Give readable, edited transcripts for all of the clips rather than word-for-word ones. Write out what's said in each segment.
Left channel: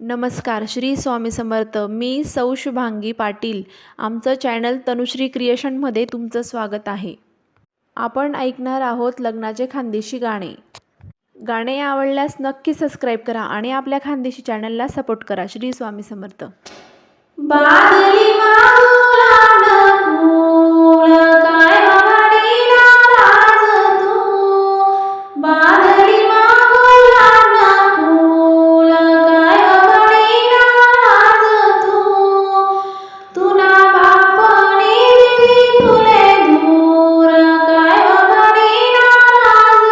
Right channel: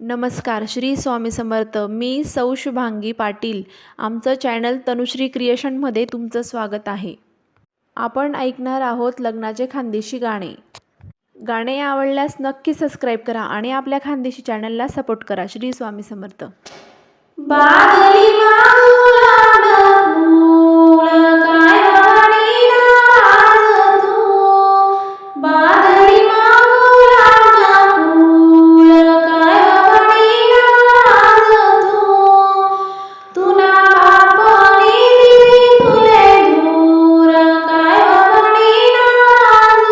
नमस्कार, श्री स्वामी समर्थ. मी सौ शुभांगी पाटील. आमचं चॅनल तनुश्री क्रिएशनमध्ये तुमचं स्वागत आहे. आपण ऐकणार आहोत लग्नाचे खानदेशी गाणे. गाणे आवडल्यास नक्की सबस्क्राईब करा आणि आपल्या खानदेशी चॅनलला सपोर्ट करा. श्री स्वामी समर्थ. बादली मागून फूल काय वाडी नाराज तू बादली मागून फूल काय वाडी नाराज तू ना बापनी दिली तुले दूर काय वाडी नाराज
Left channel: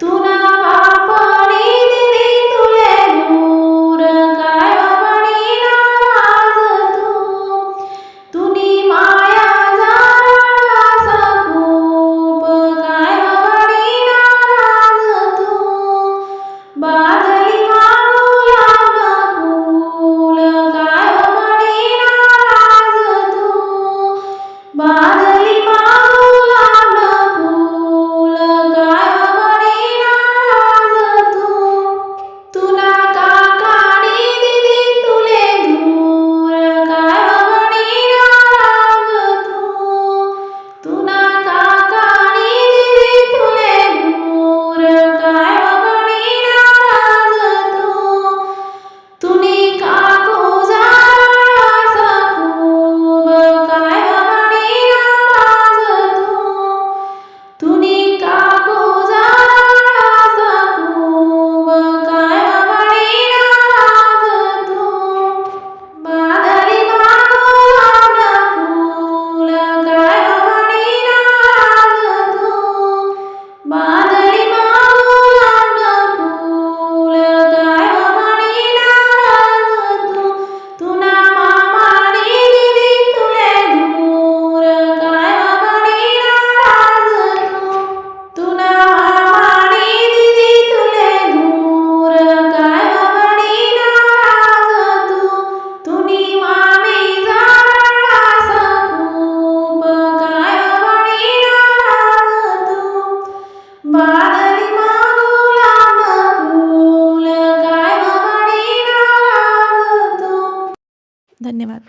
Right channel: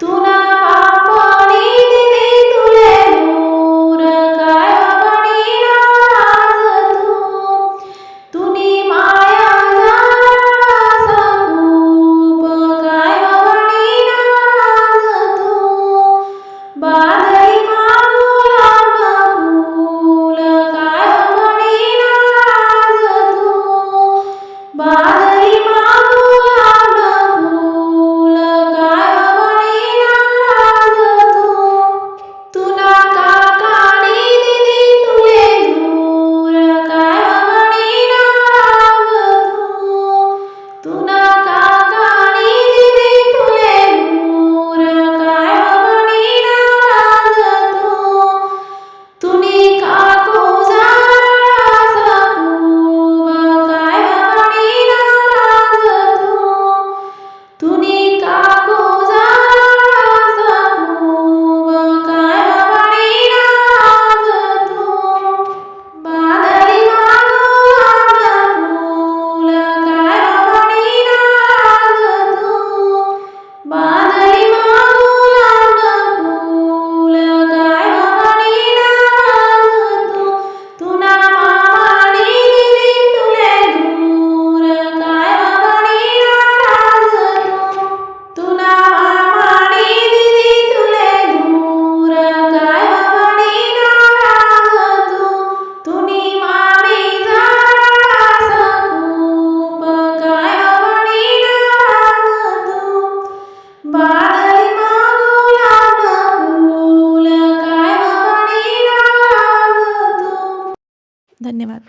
तू ना बापनी दिली तुले दूर काय तुनी माया झाला खूप काय वाडी नाराज तू बादली मागून फूल काय वाडी नाराज तू बादली मागून फूल काय वाडी नाराज तू ना काकानी दिदी तुले दूर काय तुना काकानी दिदी तुले दूर काय वाडी नाराज तुनी काकू झाला खूप काय वाडी नाराज तुनी काकू झाला खूप काय वाडी नाराज बादली मागून फूल काय बादली मागून फूल काय वाडी नाराज तुना मामानी दिदी तुले दूर काय वाडी नाराज तुना मामानी दिदी तुले दूर काय वाडी नाराज तुनी मामी झाला खूप काय वाडी नाराज बादली मागून फूल काय वाडी नाराज धन्यवाद.